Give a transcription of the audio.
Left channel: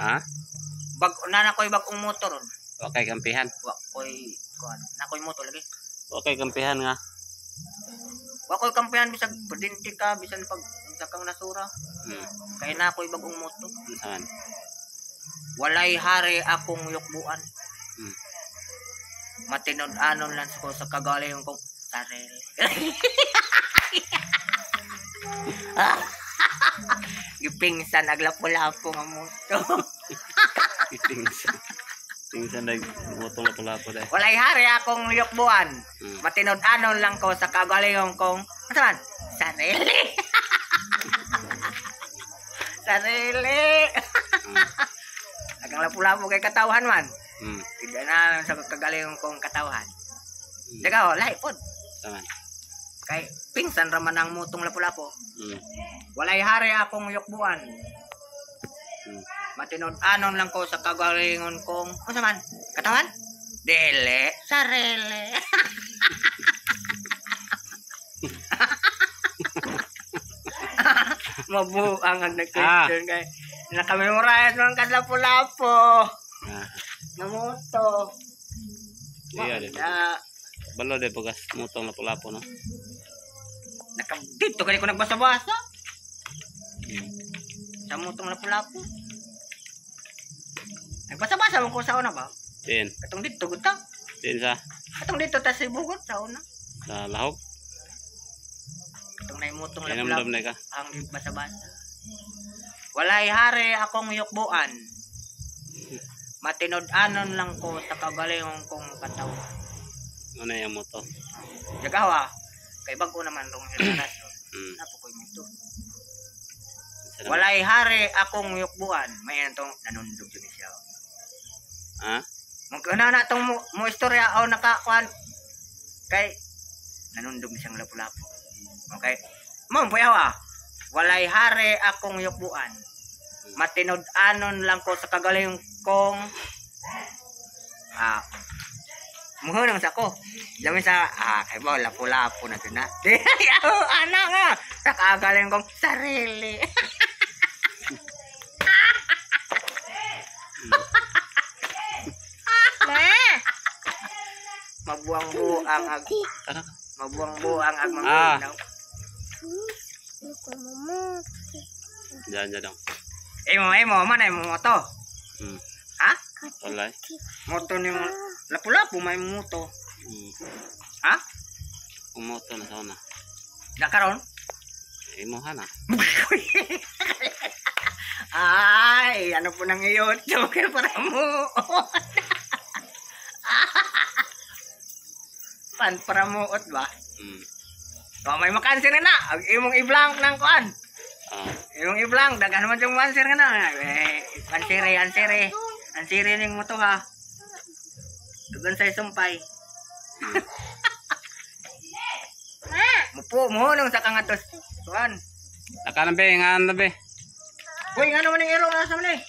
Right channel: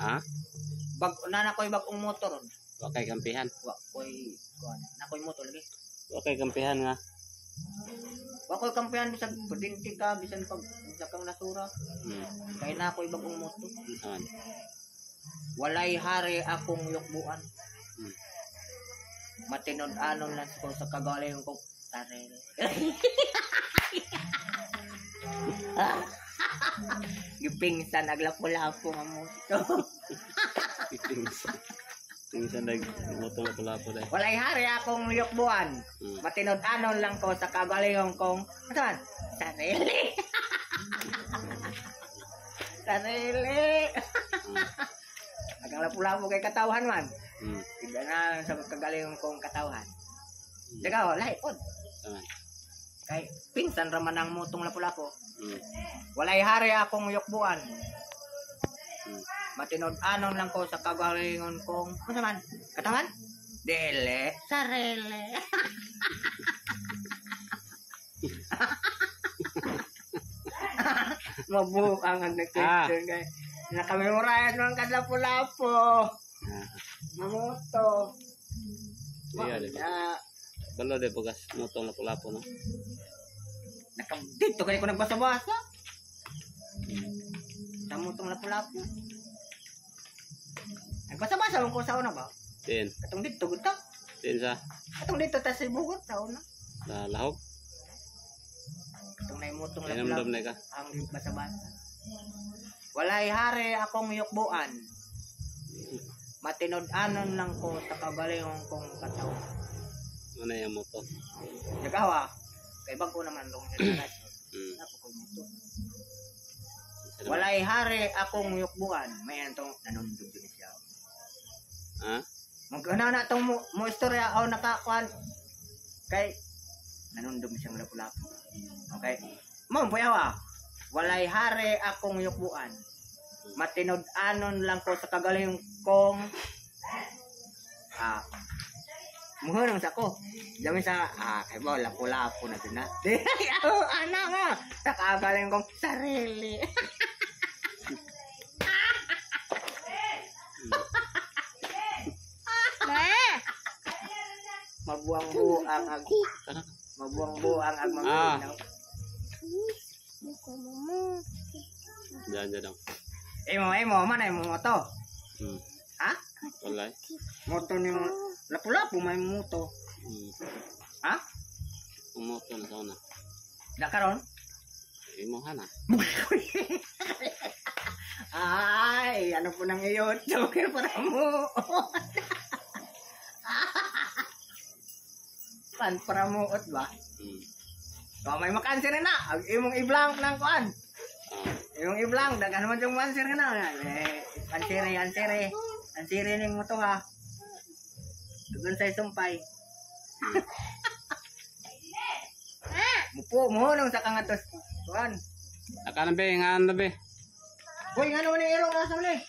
Ha? Nakoy bagong motor. Okay kampihan. Wakoy kuan. Nakoy motor lagi. Okay kampihan nga. Wakoy kampihan bisag pedinti ka bisan pag sakang nasura. Kay nakoy bagong motor. Saan? Walay hari akong yukbuan. Matinod-anon lang ko sa kagaling kong sarili. Gipingsan aglapo-lapo nga moto. Tingsan dag moto lapo-lapo dai. Walay hari akong yukbuan. Matinod-anon lang ko sa kagaling kong saan? Sarili. Sarili. Agang lapo-lapo kay katawhan man. Tidak na sa kagaling kong katawhan. Daga lahi pod. Saan? Kay pingsan raman ang mutong lapu-lapo. Walay hari akong yukbuan. Matinod-anon lang ko sa kagalingon kong ano man? Katawan? Dele, sarili. Mabuang ang nag-question kay nakamemorize man kad lapu-lapo. Namoto. Iya deh. Balo deh bukas motong lapo-lapo no. Nakadito kani ko nagbasa-basa. Sa motong lapu-lapo. Nagbasa-basa mo ko sa una ba? Din. Katong dito gud ta. Din sa. Katong dito ta sa Bugot sa una. Sa lahok. Katong nay motong Inamdam lapu-lapo. na ka. Ang basa-basa. Walay hari akong yukbuan. Matinod-anon lang ko sa kagalingon kong katawan. Ano yung moto? Nagawa. Kay bago naman rong henerasyon. Napo ko'y moto. Walay hari akong yukbuan. May itong nanundog yun siya. Ha? Magkana na itong mo istorya o nakakuan. Kay nanundog siyang lapu-lapu. Okay. Mong puyawa. Walay hari akong yukbuan. Matinod-anon lang ko sa kagaling kong muhunang sa ko. Dami sa kay ba lapu-lapu na din na. Ana nga. Sa kagaling kong sarili. Mabuang-buang ag mabuang-buang ag mga Jangan dong. Emo, mana emo moto? Ha? Walay. Moto ni mo lapu-lapu may moto. Ha? Moto na sana. Da karon? Imo hana. Ay, ano po nang iyon? Joker para mo. Pan para mo ot ba? May makansin na. Imong i-blank ng kuan. Yung i-blank, dagan naman yung answer nga na. Ansiri ning mo to ha. Dugan sa sumpay. Mupo mo nung sa kangatos. Tuan. Akan be ngan be. Boy, nga naman yung irong nasa man eh.